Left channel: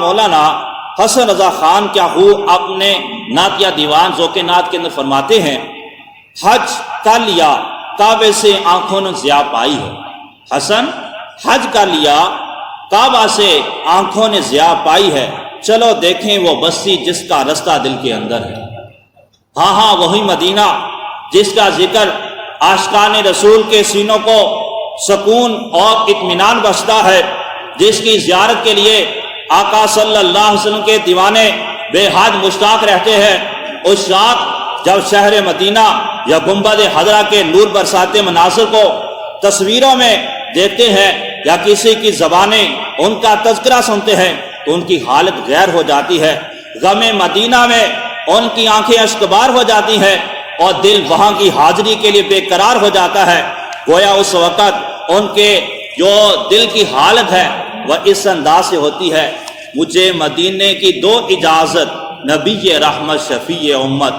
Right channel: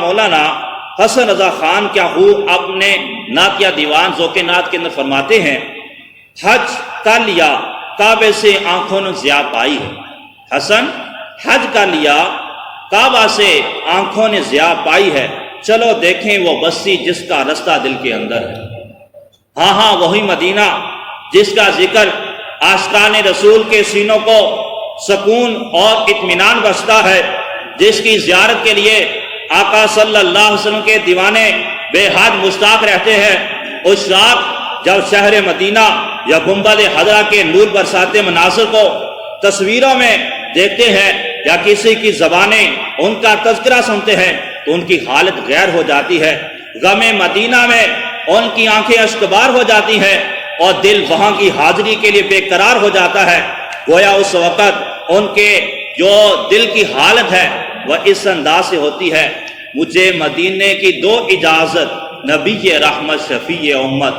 مولانا حسن رضا خان کیا ہو اپنے نعت یا دیوان ذوق نعت کے اندر فرماتے ہیں، حج کر لیا کعبے سے آنکھوں نے ضیا پائی ہے۔ حسن حج کر لیا کعبہ سے آنکھوں نے ضیا پائی ہے، چلو دیکھیں وہ بستی جس کا رستہ دل کے اندر ہے۔ ہاں ہاں وہی مدینہ جس کا ذکر عاشقان رسول کے سینوں کو سکون اور اطمینان بخشتا ہے، جس کی زیارت کے لیے آقا صلی اللہ علیہ وسلم کے دیوانے بے حد مشتاق رہتے ہیں۔ اس رات جب شہر مدینہ یا گنبد خضرا کے نور برساتے مناظر کو تصویروں میں دیکھتے ہیں یا کسی کی زبانیں ان کا تذکرہ سنتے ہیں تو ان کی حالت غیر ہو جاتی ہے۔ غم مدینہ میں ان کی آنکھیں اشکبار ہو جاتی ہیں اور دل وہاں کی حاضری کے لیے بے قرار ہو جاتا ہے۔ گویا اس وقت ان کے جو دل کی حالت ہے وہ اس انداز سے ہوتی ہے، مجھے مدینے کی دو اجازت نبی رحمت شفیع امت،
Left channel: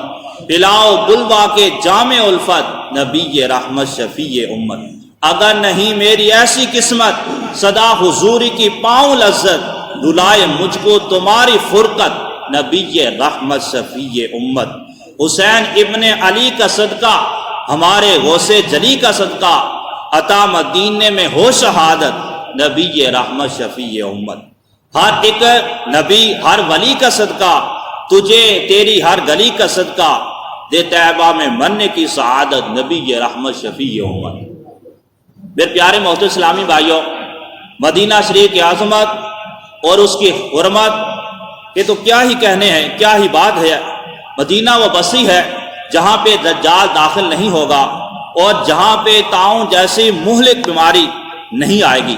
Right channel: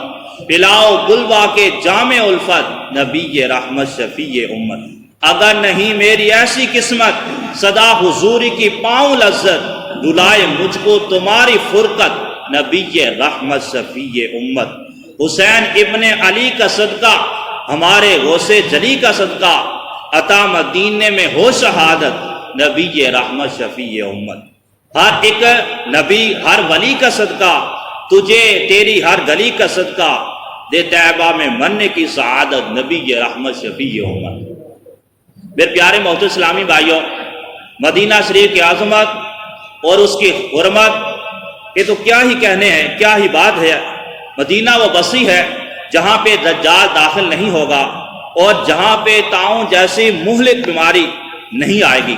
پلاؤ بلوا کے جام الفت نبی رحمت شفیع امت، اگر نہیں میری ایسی قسمت صدا حضور کی پاؤں لذت، بلائے مجھ کو تمہاری فرقت نبی رحمت شفیع امت۔ حسین ابن علی کا صدقہ، ہمارے غوث جلی کا صدقہ، عطا مدینے میں ہو شہادت نبی رحمت شفیع امت۔ ہر ایک نبی ہر ولی کا صدقہ، تجھے تیری ہر گلی کا صدقہ، دے طیبہ میں مرنے کی سعادت نبی رحمت شفیع امت۔ میرے پیارے محترم اسلامی بھائیوں، مدینہ شریف کی عظمت اور اس کی حرمت یہ تو کیا ہی کہنے ہیں، کیا ہی بات ہے۔ مدینہ وہ بستی ہے جہاں پہ دجال داخل نہیں ہوگا اور جہاں پہ طاعون جیسی مہلک بیماری نہیں آئے گی۔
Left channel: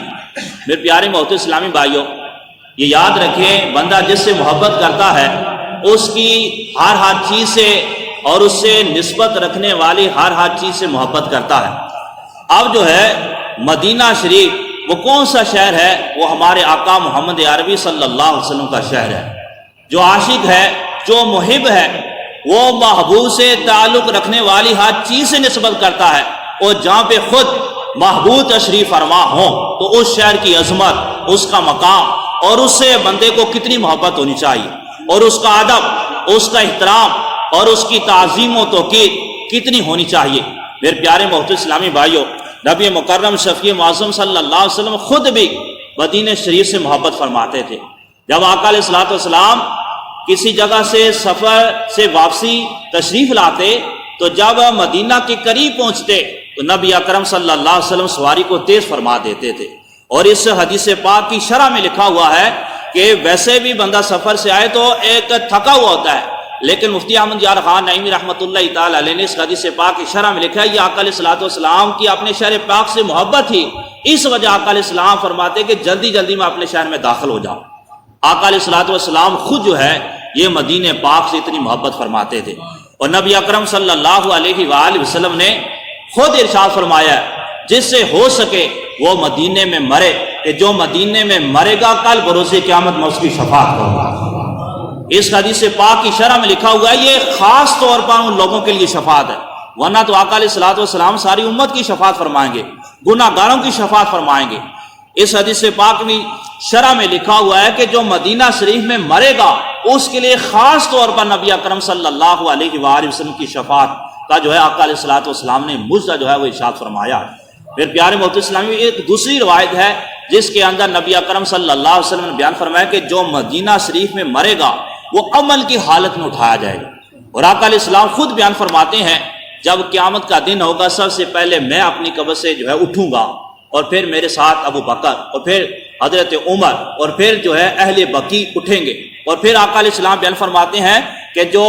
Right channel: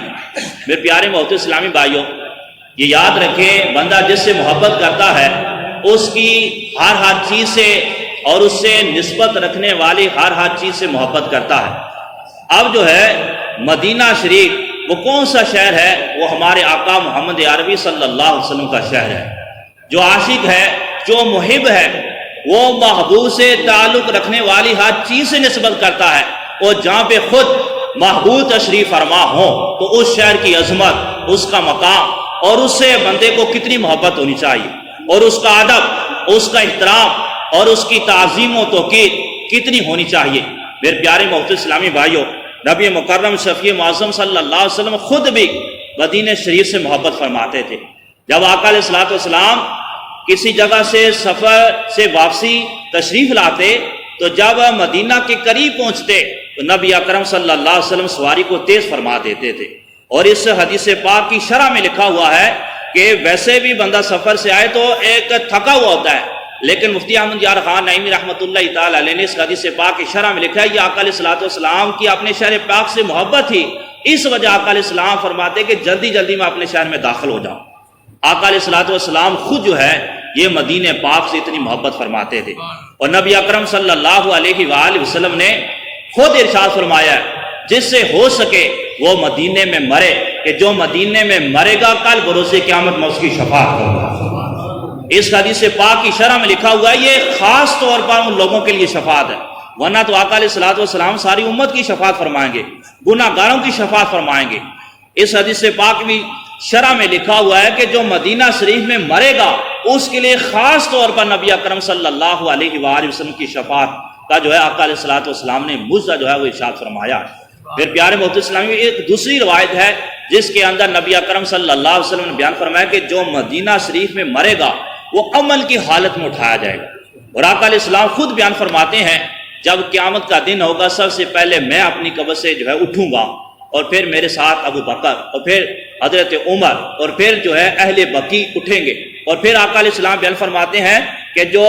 میرے پیارے محترم اسلامی بھائیوں، یہ یاد رکھیں، بندہ جس سے محبت کرتا ہے اس کی ہر چیز سے اور اس سے نسبت رکھنے والی ہر چیز سے محبت کرتا ہے۔ اب جو ہے مدینہ شریف وہ کون سا شہر ہے؟ وہ ہمارے آقا محمد عربی صلی اللہ علیہ وسلم کا شہر ہے۔ جو عاشق ہے، جو محب ہے، وہ محبوب سے تعلق رکھنے والی ہر چیز سے نسبت کرتا ہے، اور جہاں پہ خود محبوب تشریف فرما ہو تو اس شہر کی عظمت، اس کا مقام اور اس سے بندے کو کتنی محبت ہونی چاہیے، اور اس کا ادب، اس کا احترام اور اس کی تعظیم و توقیر کتنی ہونی چاہیے۔ میرے پیارے محترم اسلامی بھائیوں، نبی مکرم شفیع معظم صلی اللہ علیہ وسلم خود بھی مدینہ شریف سے محبت فرماتے تھے۔ جب آقا علیہ الصلوۃ والسلام کسی جگہ سے سفر سے واپسی تشریف لاتے تو جب مدینہ کے قریب پہنچتے تو نبی اکرم صلی اللہ علیہ وسلم سواری کو تیز فرما دیتے تھے۔ اور اس حدیث پاک کی شرح میں لکھا ہوا ہے کہ ویسے بھی بندہ سفر سے آئے تو ایک تھکا ہوا ہوتا ہے، لیکن مفتی احمد یار خان نعیمی رحمۃ اللہ تعالی علیہ نے اس حدیث پاک کی شرح میں لکھا ہے، یہ آقا علیہ الصلوۃ والسلام کی اپنے شہر پاک سے محبت تھی، اس وجہ آقا علیہ السلام فرماتے کہ جلدی جلدی میں اپنے شہر میں داخل ہو جاؤں۔ آقا علیہ الصلوۃ والسلام خود جو ہے یہ مدینہ پاک سے اتنی محبت فرماتے تھے، اور نبی اکرم صلی اللہ علیہ وآلہ وسلم نے خود ارشاد فرمایا ہے، جس سے ہو سکے وہ مدینے میں مرے، کہ جو مدینے میں مرے گا کل بروز قیامت میں اس کی شفاعت ہوگا۔ اس حدیث پاک کی شرح میں لکھا ہوا ہے یہ خاص طور پر ان لوگوں کے لیے شفاعت ہے، ورنہ تو آقا علیہ الصلوۃ والسلام ساری امت کی شفاعت فرمائیں گے، گناہ گاروں کی شفاعت فرمائیں گے۔ اس حدیث پاک بھی شرح میں لکھا ہوا ہے کہ جو مدینہ شریف میں مرے گا اس کے لیے خاص طور پر نبی اکرم صلی اللہ علیہ وآلہ وسلم کی شفاعت کا جو ہے آقا علیہ الصلوۃ والسلام نے مجزہ جو ہے وہ ارشاد فرمایا۔ پھر پیارے محترم اسلامی ایک دوسری روایت ہے جس کے اندر نبی اکرم صلی اللہ علیہ وسلم نے بیان فرمایا کہ جو مدینہ شریف میں مرے گا وہ عمل کی حالت میں اٹھایا جائے گا، اور آقا علیہ السلام خود بیان فرماتے ہیں جب قیامت کا دن ہوگا سب سے پہلے میں اپنی قبر سے جو ہے اٹھوں گا، اور پھر میرے ساتھ ابو بکر اور پھر حضرت عمر اور پھر جو ہے اہل بقیع اٹھیں گے، اور پھر آقا علیہ السلام بیان فرماتے ہیں کہ جو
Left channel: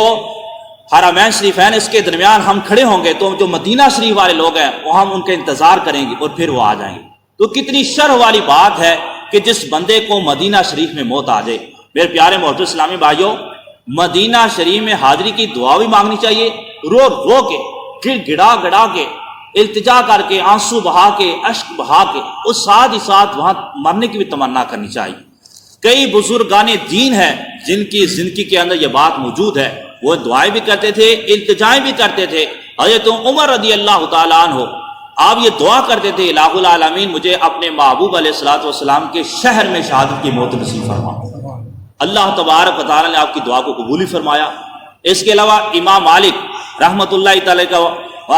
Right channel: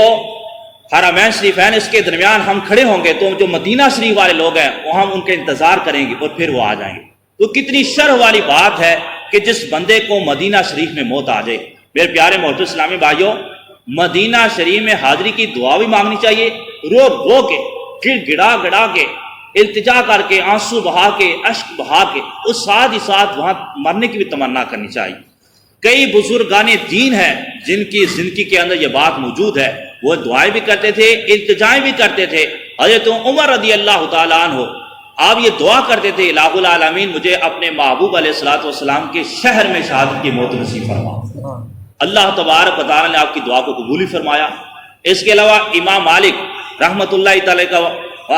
حرمین شریفین اس کے درمیان ہم کھڑے ہوں گے تو جو مدینہ شریف والے لوگ ہیں وہ ہم ان کے انتظار کریں گے اور پھر وہ آ جائیں گے۔ تو کتنی شرح والی بات ہے کہ جس بندے کو مدینہ شریف میں موت آ جائے۔ میرے پیارے محترم اسلامی بھائیوں، مدینہ شریف میں حاضری کی دعا بھی مانگنی چاہیے، رو رو کے، گڑ گڑا گڑا کے، التجا کر کے، آنسو بہا کے، اشک بہا کے، اور ساتھ ہی ساتھ وہاں مرنے کی بھی تمنا کرنی چاہیے۔ کئی بزرگان دین ہیں جن کی زندگی کے اندر یہ بات موجود ہے، وہ دعائیں بھی کرتے تھے، التجائیں بھی کرتے تھے۔ حضرت عمر رضی اللہ تعالیٰ عنہ آپ یہ دعا کرتے تھے، الہ العالمین مجھے اپنے محبوب علیہ الصلوۃ والسلام کے شہر میں شہادت کی موت نصیب فرما۔ اللہ تبارک و تعالیٰ نے آپ کی دعا کو قبول ہی فرمایا۔ اس کے علاوہ امام مالک رحمۃ اللہ تعالی کا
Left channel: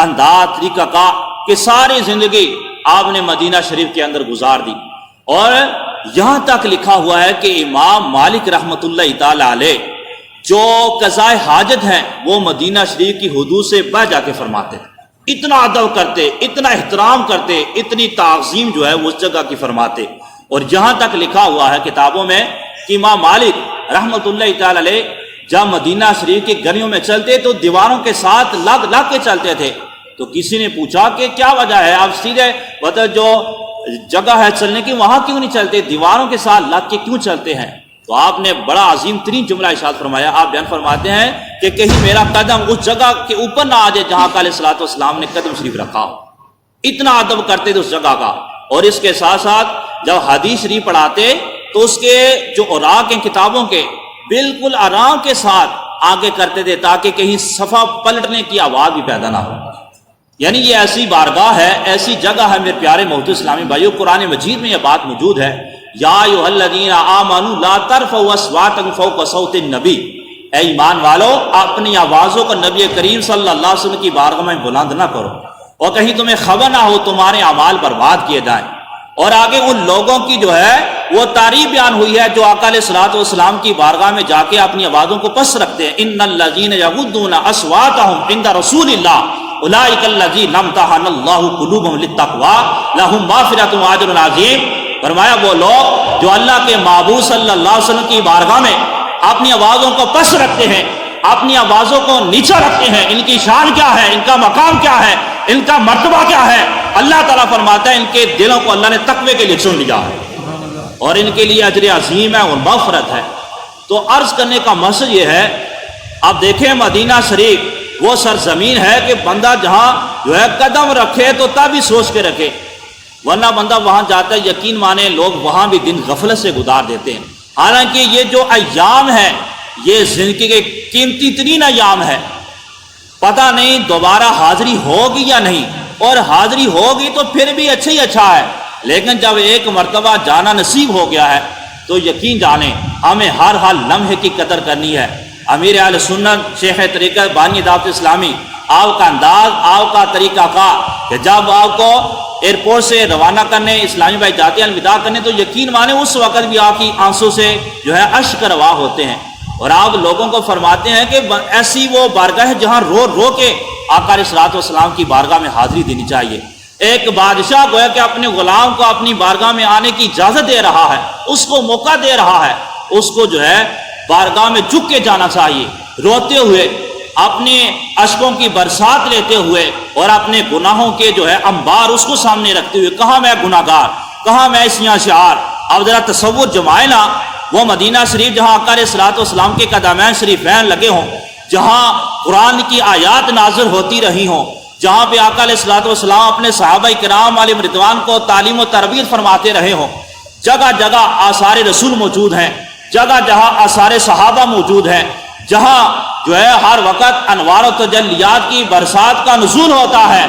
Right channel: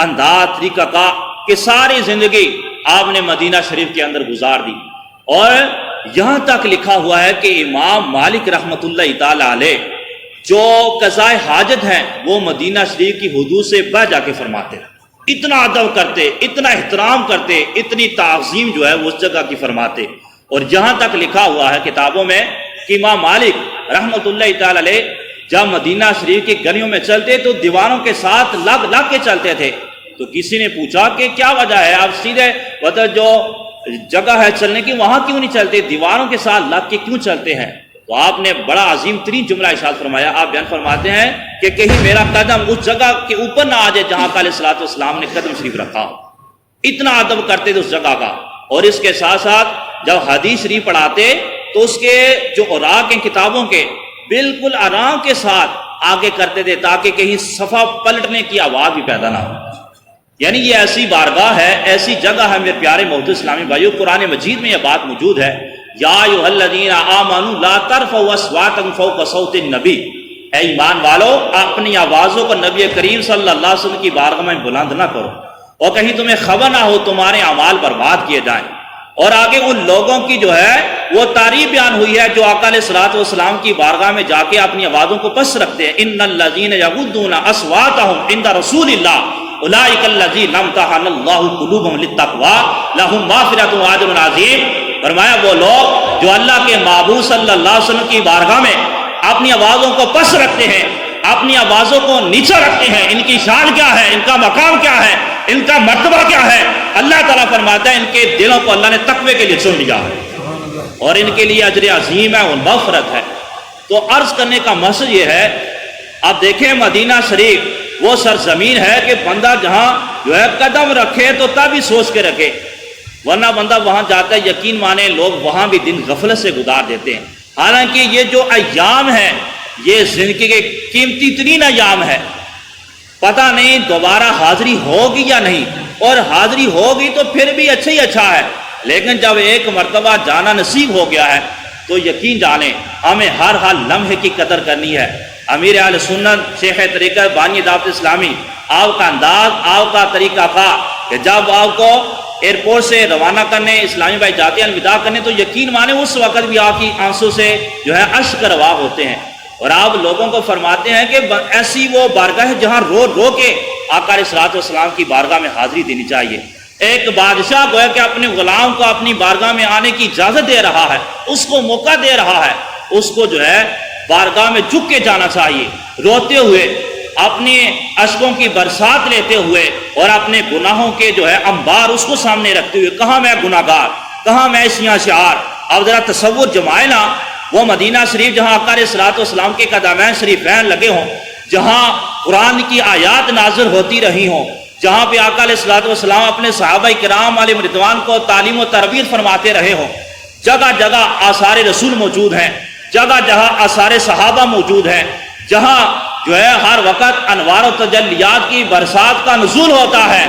انداز طریقہ کا کہ ساری زندگی آپ نے مدینہ شریف کے اندر گزار دی، اور یہاں تک لکھا ہوا ہے کہ امام مالک رحمۃ اللہ تعالی علیہ جو قضاء حاجت ہیں وہ مدینہ شریف کی حدود سے بہ جا کے فرماتے، اتنا ادب کرتے، اتنا احترام کرتے، اتنی تعظیم جو ہے اس جگہ کی فرماتے۔ اور جہاں تک لکھا ہوا ہے کتابوں میں کہ امام مالک رحمۃ اللہ تعالی علیہ جب مدینہ شریف کی گلیوں میں چلتے تو دیواروں کے ساتھ لگ کے چلتے تھے۔ تو کسی نے پوچھا کہ کیا وجہ ہے، آپ سیدھے جو جگہ ہے چلنے کی وہاں کیوں نہیں چلتے، دیواروں کے ساتھ لگ کے کیوں چلتے ہیں؟ تو آپ نے بڑا عظیم ترین جملہ ارشاد فرمایا۔ آپ بیان فرماتے ہیں کہ کہیں میرا قدم اس جگہ کے اوپر نہ آ جائے جہاں کا علیہ الصلوۃ والسلام نے قدم شریف رکھا ہو۔ اتنا ادب کرتے تھے اس جگہ کا۔ اور اس کے ساتھ ساتھ جب حدیث شریف پڑھاتے تو اس کے جو اوراق ہیں کتابوں کے بالکل آرام کے ساتھ آگے کرتے تھے تاکہ کہیں صفحہ پلٹنے کی آواز بھی پیدا نہ ہو۔ یعنی یہ ایسی بارگاہ ہے، ایسی جگہ ہے میرے پیارے محترم اسلامی بھائیو، قرآن مجید میں یہ بات موجود ہے، یا ایھا الذین آمنوا لا ترفعوا اصواتکم فوق صوت النبی، اے ایمان والو اپنی آوازوں کو نبی کریم صلی اللہ علیہ وسلم کی بارگاہ میں بلند نہ کرو، اور کہیں تمہیں خبر نہ ہو تمہارے اعمال برباد کیے جائیں۔ اور آگے ان لوگوں کی جو ہے وہ تعریف بیان ہوئی ہے جو آقا علیہ الصلوۃ والسلام کی بارگاہ میں جا کے اپنی آوازوں کو پست رکھتے ہیں۔ ان الذین یغضون اصواتهم عند رسول اللہ اولئک الذین امتحن اللہ قلوبهم للتقوی لهم مغفرۃ واجر عظیم۔ فرمایا وہ لوگ جو اللہ کے معبود صلی اللہ علیہ وسلم کی بارگاہ میں اپنی آوازوں کو پست رکھتے ہیں، اپنی آوازوں کو نیچا رکھتے ہیں، ان کی شان کیا ہے، ان کا مقام کیا ہے، ان کا مرتبہ کیا ہے، اللہ تعالیٰ فرماتا ہے ان کے دلوں کو اللہ نے تقوی کے لیے چن لیا اور ان کے لیے اجر عظیم ہے اور مغفرت ہے۔ تو عرض کرنے کا مقصد یہ ہے، آپ دیکھیں مدینہ شریف وہ سرزمین ہے کہ بندہ جہاں جو ہے قدم رکھے تو تب ہی سوچ کے رکھے، ورنہ بندہ وہاں جاتا ہے یقین مانے لوگ وہاں بھی دن غفلت سے گزار دیتے ہیں۔ حالانکہ یہ جو ایام ہے یہ زندگی کے قیمتی ترین ایام ہے، پتہ نہیں دوبارہ حاضری ہوگی یا نہیں، اور حاضری ہوگی تو پھر بھی اچھا ہی اچھا ہے، لیکن جب ایک مرتبہ جانا نصیب ہو گیا ہے تو یقین جانیں ہمیں ہر حال لمحے کی قدر کرنی ہے۔ امیر اہل سنت شیخ طریقہ بانی دعوت اسلامی، آپ کا انداز، آپ کا طریقہ کا کہ جب آپ کو ایئرپورٹ سے روانہ کرنے اسلامی بھائی جاتے ہیں الوداع کرنے تو یقین مانے اس وقت بھی آپ کی آنسوں سے جو ہے اشک روا ہوتے ہیں، اور آپ لوگوں کو فرماتے ہیں کہ ایسی وہ بارگاہ ہے جہاں رو رو کے آقا علیہ الصلوۃ والسلام کی بارگاہ میں حاضری دینی چاہیے۔ ایک بادشاہ کو ہے کہ اپنے غلام کو اپنی بارگاہ میں آنے کی اجازت دے رہا ہے، اس کو موقع دے رہا ہے، اس کو جو ہے بارگاہ میں جھک کے جانا چاہیے، روتے ہوئے، اپنے اشکوں کی برسات لیتے ہوئے، اور اپنے گناہوں کے جو ہے انبار اس کو سامنے رکھتے ہوئے، کہاں میں گناہگار، کہاں میں اس میں اشعار۔ اب ذرا تصور جمائے نا، وہ مدینہ شریف جہاں آقا علیہ الصلوۃ والسلام کے قدمین شریفین لگے ہوں، جہاں قرآن کی آیات نازل ہوتی رہی ہوں، جہاں پہ آقا علیہ الصلوۃ والسلام اپنے صحابہ کرام علیہ رضوان کو تعلیم و تربیت فرماتے رہے ہوں، جگہ جگہ آثار رسول موجود ہیں، جگہ جہاں آثار صحابہ موجود ہیں، جہاں جو ہے ہر وقت انوار و تجلیات کی برسات کا نزول ہوتا ہے۔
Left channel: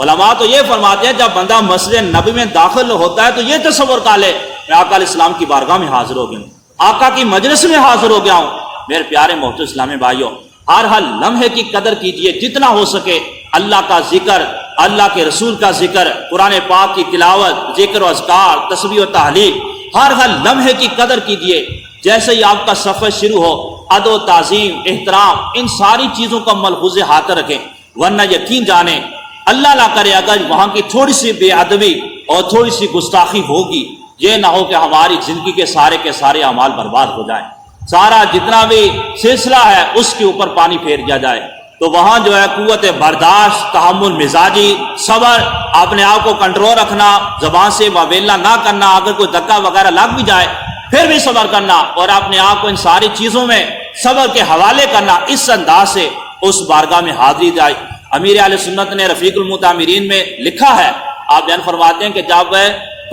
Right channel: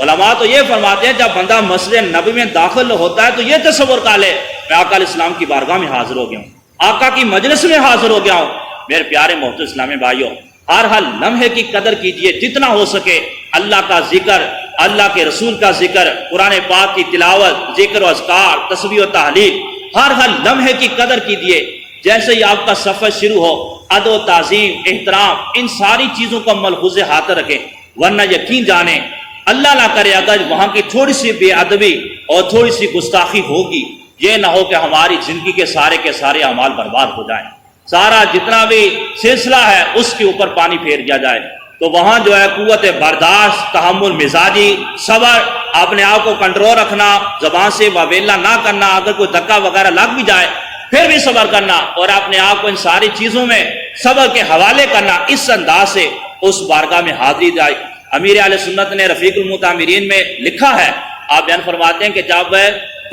علماء تو یہ فرماتے ہیں جب بندہ مسجد نبی میں داخل ہوتا ہے تو یہ تصور کر لے میں آقا علیہ السلام کی بارگاہ میں حاضر ہو گیا ہوں، آقا کی مجلس میں حاضر ہو گیا ہوں۔ میرے پیارے محترم اسلامی بھائیوں، ہر ہر لمحے کی قدر کیجئے، جتنا ہو سکے اللہ کا ذکر، اللہ کے رسول کا ذکر، قرآن پاک کی تلاوت، ذکر و اذکار، تسبیح و تحلیل، ہر ہر لمحے کی قدر کیجئے۔ جیسے ہی آپ کا سفر شروع ہو ادب و تعظیم، احترام، ان ساری چیزوں کو ملحوظ ہاتھ رکھیں، ورنہ یقین جانیں اللہ نہ کرے اگر وہاں کی تھوڑی سی بے ادبی اور تھوڑی سی گستاخی ہوگی، یہ نہ ہو کہ ہماری زندگی کے سارے اعمال برباد ہو جائیں، سارا جتنا بھی سلسلہ ہے اس کے اوپر پانی پھیر دیا جائے۔ تو وہاں جو ہے قوت برداشت، تحمل مزاجی، صبر، اپنے آپ کو کنٹرول رکھنا، زبان سے واویلا نہ کرنا، اگر کوئی دھکا وغیرہ لگ بھی جائے پھر بھی صبر کرنا، اور اپنے آپ کو ان ساری چیزوں میں صبر کے حوالے کرنا، اس انداز سے اس بارگاہ میں حاضری جائے۔ امیر اہل سنت نے رفیق المتامرین میں لکھا ہے، آپ بیان فرماتے ہیں کہ جب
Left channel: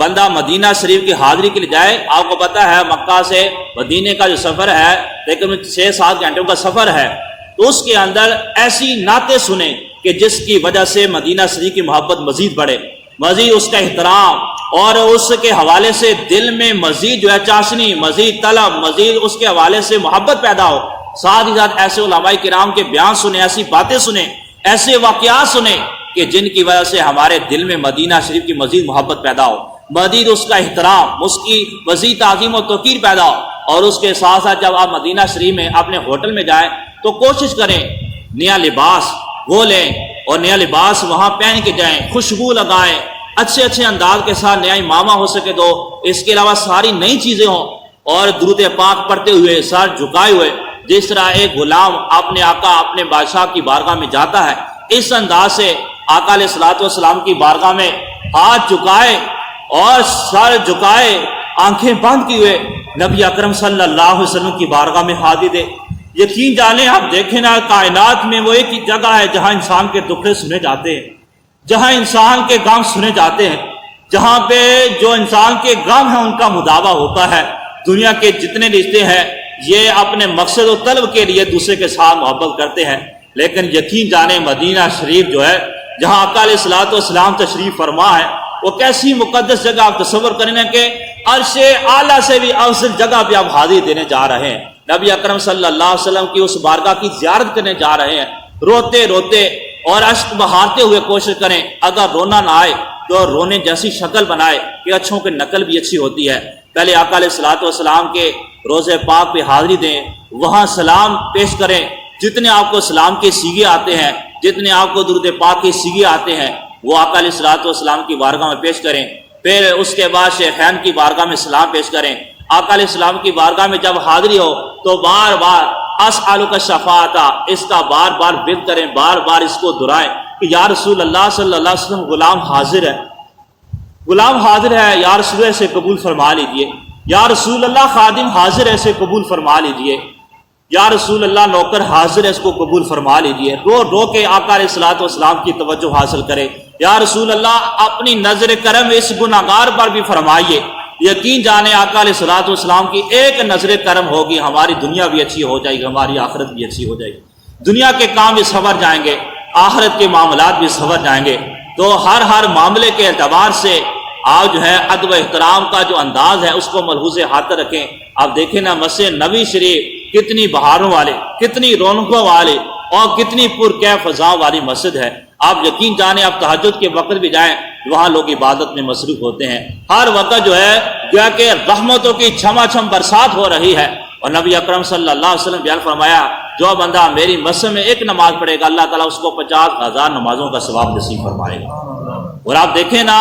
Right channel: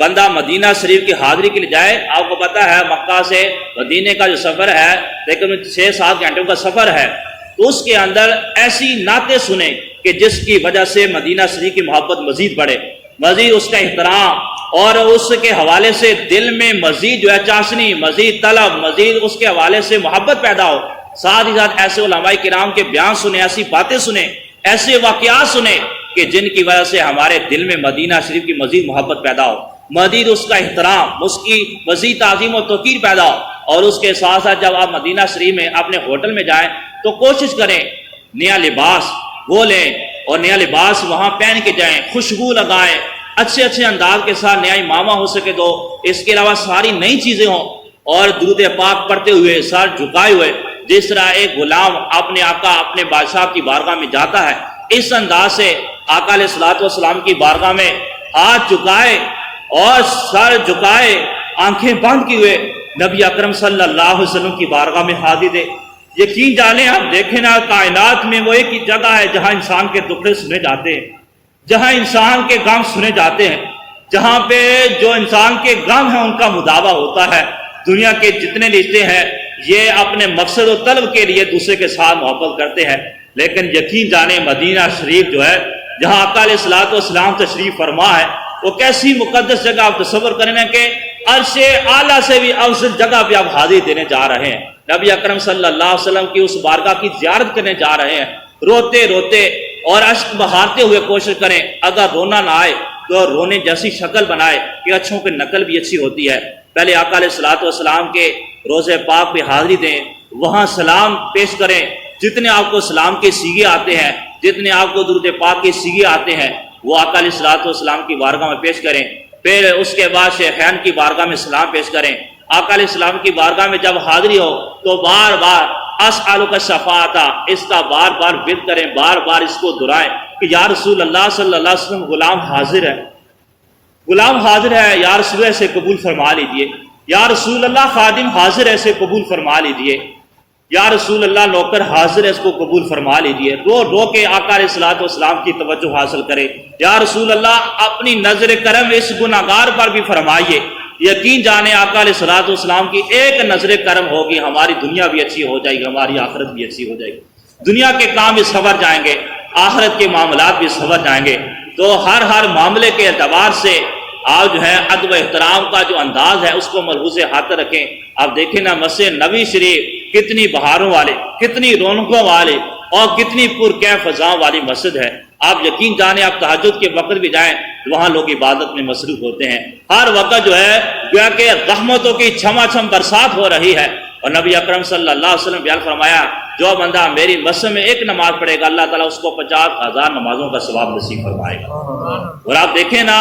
بندہ مدینہ شریف کی حاضری کے لیے جائے، آپ کو پتہ ہے مکہ سے مدینے کا جو سفر ہے تقریباً 6-7 گھنٹوں کا سفر ہے، تو اس کے اندر ایسی نعتیں سنیں کہ جس کی وجہ سے مدینہ شریف کی محبت مزید بڑھے، مزید اس کا احترام، اور اس کے حوالے سے دل میں مزید جو ہے چاشنی، مزید طلب، مزید اس کے حوالے سے محبت پیدا ہو، ساتھ ہی ساتھ ایسے علماء کرام کے بیان سنیں، ایسی باتیں سنیں، ایسے واقعات سنیں کہ جن کی وجہ سے ہمارے دل میں مدینہ شریف کی مزید محبت پیدا ہو، مزید اس کا احترام، اس کی مزید تعظیم و توقیر پیدا ہو۔ اور اس کے ساتھ ساتھ جب آپ مدینہ شریف میں اپنے ہوٹل میں جائیں تو کوشش کریں نیا لباس وہ لیں اور نیا لباس وہاں پہن کے جائیں، خوشبو لگائیں، اچھے اچھے انداز کے ساتھ نیا امامہ ہو سکے تو، اس کے علاوہ ساری نئی چیزیں ہوں، اور درود پاک پڑھتے ہوئے، سر جھکائے ہوئے، جس طرح ایک غلام اپنے آقا اپنے بادشاہ کی بارگاہ میں جاتا ہے، اس انداز سے آقا علیہ الصلوۃ والسلام کی بارگاہ میں ہاتھ جھکائے اور سر جھکائے، آنکھیں بند کیے ہوئے نبی اکرم صلی اللہ علیہ وسلم کی بارگاہ میں حاضری دے۔ یقین جانیں، آپ دیکھیں نا، کائنات میں وہ ایک ہی جگہ ہے جہاں انسان کے دکھ سنے جاتے ہیں، جہاں انسان کے غم سنے جاتے ہیں، جہاں پہ جو انسان کے غم ہیں ان کا مداوع ہوتا ہے۔ دنیا کے جتنے رشتے ہیں یہ اپنے مقصد و طلب کے لیے دوسرے کے ساتھ محبت کرتے ہیں، لیکن یقین جانیں مدینہ شریف جو ہے جہاں آقا علیہ الصلوۃ والسلام تشریف فرما ہے، وہ کیسی مقدس جگہ آپ تصور کریں گے کہ عرش اعلیٰ سے بھی افضل جگہ پہ آپ حاضری دینے جا رہے ہیں، نبی اکرم صلی اللہ علیہ وسلم کی اس بارگاہ کی زیارت کرنے جا رہے ہیں۔ روتے روتے اور اشک بہارتے ہوئے کوشش کریں، اگر رونا نہ آئے تو رونے جیسی شکل بنائے کہ اچھوں کی نقل بھی اچھی ہوتی ہے۔ پہلے آقا علیہ الصلوۃ والسلام کے روضہ پاک پہ حاضری دیں، وہاں سلام پیش کریں، جتنے آپ کو سلام کے سیغے آتے ہیں، جتنے آپ کو درود پاک کے سیغے آتے ہیں وہ آقا علیہ الصلوۃ والسلام کی بارگاہ میں پیش کریں۔ پھر اس کے بعد شیخین کی بارگاہ میں سلام پیش کریں۔ آقا علیہ السلام کی بارگاہ میں جب حاضری ہو تو بار بار اسألک الشفاعۃ، اس کا بار بار بد کریں، بار بار اس کو دہرائیں کہ یا رسول اللہ صلی اللہ علیہ وسلم غلام حاضر ہے، غلام حاضر ہے، یا رسول اللہ سے قبول فرما لیجئے، یا رسول اللہ خادم حاضر ہے، اسے قبول فرما لیجئے، یا رسول اللہ نوکر حاضر ہے، اس کو قبول فرما لیجئے۔ رو رو کے آقا علیہ الصلوۃ والسلام کی توجہ حاصل کرے، یا رسول اللہ اپنی نظر کرم اس گناہگار پر بھی فرمائیے۔ یقین جانے آقا علیہ الصلوۃ والسلام کی ایک نظر کرم ہوگی، ہماری دنیا بھی اچھی ہو جائے گی، ہماری آخرت بھی اچھی ہو جائے گی، دنیا کے کام بھی سنور جائیں گے، آخرت کے معاملات بھی سنور جائیں گے۔ تو ہر معاملے کے اعتبار سے آج جو ہے ادب و احترام کا جو انداز ہے اس کو ملحوظ ہاتھ رکھیں۔ آپ دیکھیں نا، مسجد نبی شریف کتنی بہاروں والے، کتنی رونقوں والے اور کتنی پرکیف فضاؤں والی مسجد ہے۔ آپ یقین جانیں، آپ تہجد کے وقت بھی جائیں، وہاں لوگ عبادت میں مصروف ہوتے ہیں، ہر وقت جو ہے گویا کہ رحمتوں کی چھما چھم برسات ہو رہی ہے۔ اور نبی اکرم صلی اللہ علیہ وسلم بیان فرمایا، جو بندہ میری مسجد میں ایک نماز پڑھے گا اللہ تعالیٰ اس کو 50,000 نمازوں کا ثواب نصیب فرمائے گا۔ اور آپ دیکھیں نا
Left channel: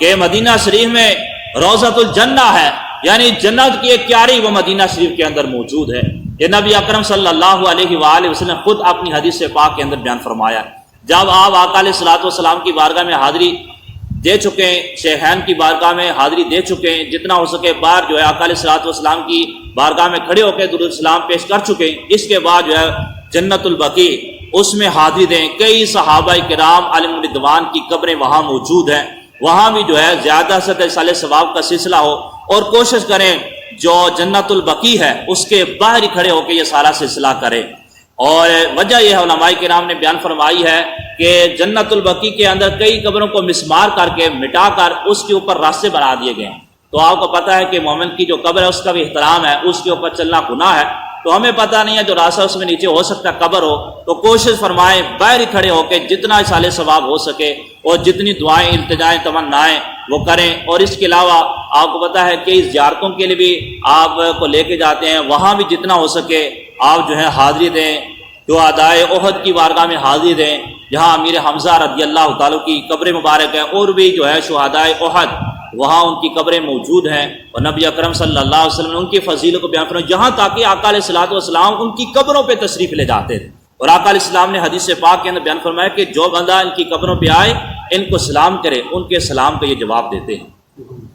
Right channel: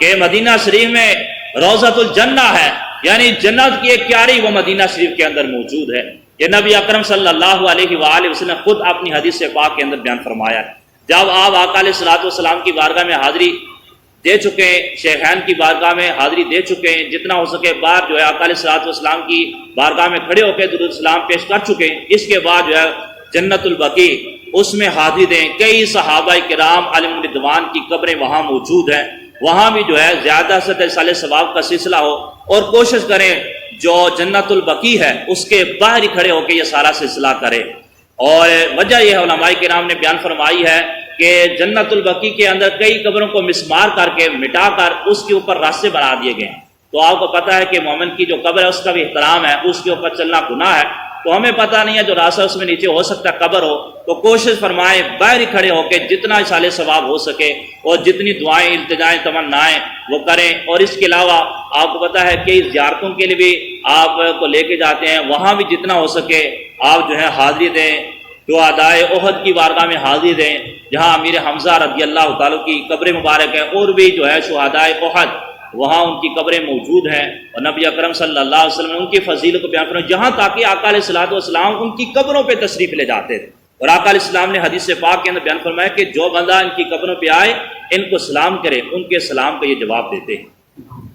کہ مدینہ شریف میں روضۃ الجنہ ہے، یعنی جنت کی ایک کیاری وہ مدینہ شریف کے اندر موجود ہے۔ یہ نبی اکرم صلی اللہ علیہ وآلہ وسلم خود اپنی حدیث پاک کے اندر بیان فرمایا ہے۔ جب آپ آقا علیہ الصلوۃ والسلام کی بارگاہ میں حاضری دے چکے ہیں، شیخین کی بارگاہ میں حاضری دے چکے ہیں، جتنا ہو سکے بعد جو ہے آقا علیہ الصلوۃ والسلام کی بارگاہ میں کھڑے ہو کے درود سلام پیش کر چکے ہیں، اس کے بعد جو ہے جنت البقیع اس میں حاضری دیں۔ کئی صحابہ کرام علیہم رضوان کی قبریں وہاں موجود ہیں، وہاں بھی جو ہے زیادہ سے زیادہ ثواب کا سلسلہ ہو، اور کوشش کریں جو جنت البقیع ہے اس کے باہر ہی کھڑے ہو کے یہ سارا سلسلہ کرے۔ اور وجہ یہ علماء کرام نے بیان فرمائی ہے کہ جنت البقیع کے اندر کئی قبروں کو مسمار کر کے مٹا کر اس کے اوپر راستے بنا دیے گئے ہیں۔ تو آپ کو پتہ ہے کہ مومن کی جو قبر ہے اس کا بھی احترام ہے، اس کے اوپر چلنا گناہ ہے، تو ہمیں پتہ نہیں ہے جو راستہ اس میں نیچے ہو سکتا قبر ہو، تو کوشش فرمائیں باہر ہی کھڑے ہو کے جتنا اصالہ ثواب ہو سکے اور جتنی دعائیں التجائیں تمنائیں وہ کریں۔ اور اس کے علاوہ آپ کو پتہ ہے کہ زیارتوں کے لیے بھی آپ کو لے کے جاتے ہیں، وہاں بھی جتنا ہو سکے آپ جو ہے حاضری دیں۔ شہدائے احد کی بارگاہ میں حاضری دیں جہاں امیر حمزہ رضی اللہ تعالیٰ کی قبر مبارک ہے، اور بھی جو ہے شہدائے احد وہاں ان کی قبریں موجود ہیں، اور نبی اکرم صلی اللہ علیہ وسلم نے ان کی فضیلت کو بیان فرمایا، جہاں تاکہ آقا علیہ الصلوۃ والسلام ان کی قبروں پہ تشریف لے جاتے تھے۔ اور آقا علیہ السلام نے حدیث پاک کے اندر بیان فرمایا کہ جو بندہ ان کی قبروں پہ آئے ان کو سلام کرے، ان کے سلام کا یہ جواب دیتے ہیں۔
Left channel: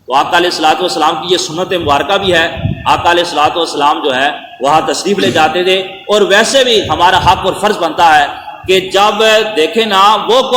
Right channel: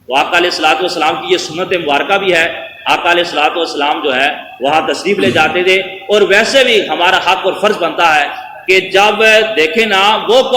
تو آقا علیہ الصلوۃ والسلام کی یہ سنت مبارکہ بھی ہے، آقا علیہ الصلوۃ والسلام جو ہے وہاں تشریف لے جاتے تھے۔ اور ویسے بھی ہمارا حق اور فرض بنتا ہے کہ جب دیکھیں نا وہ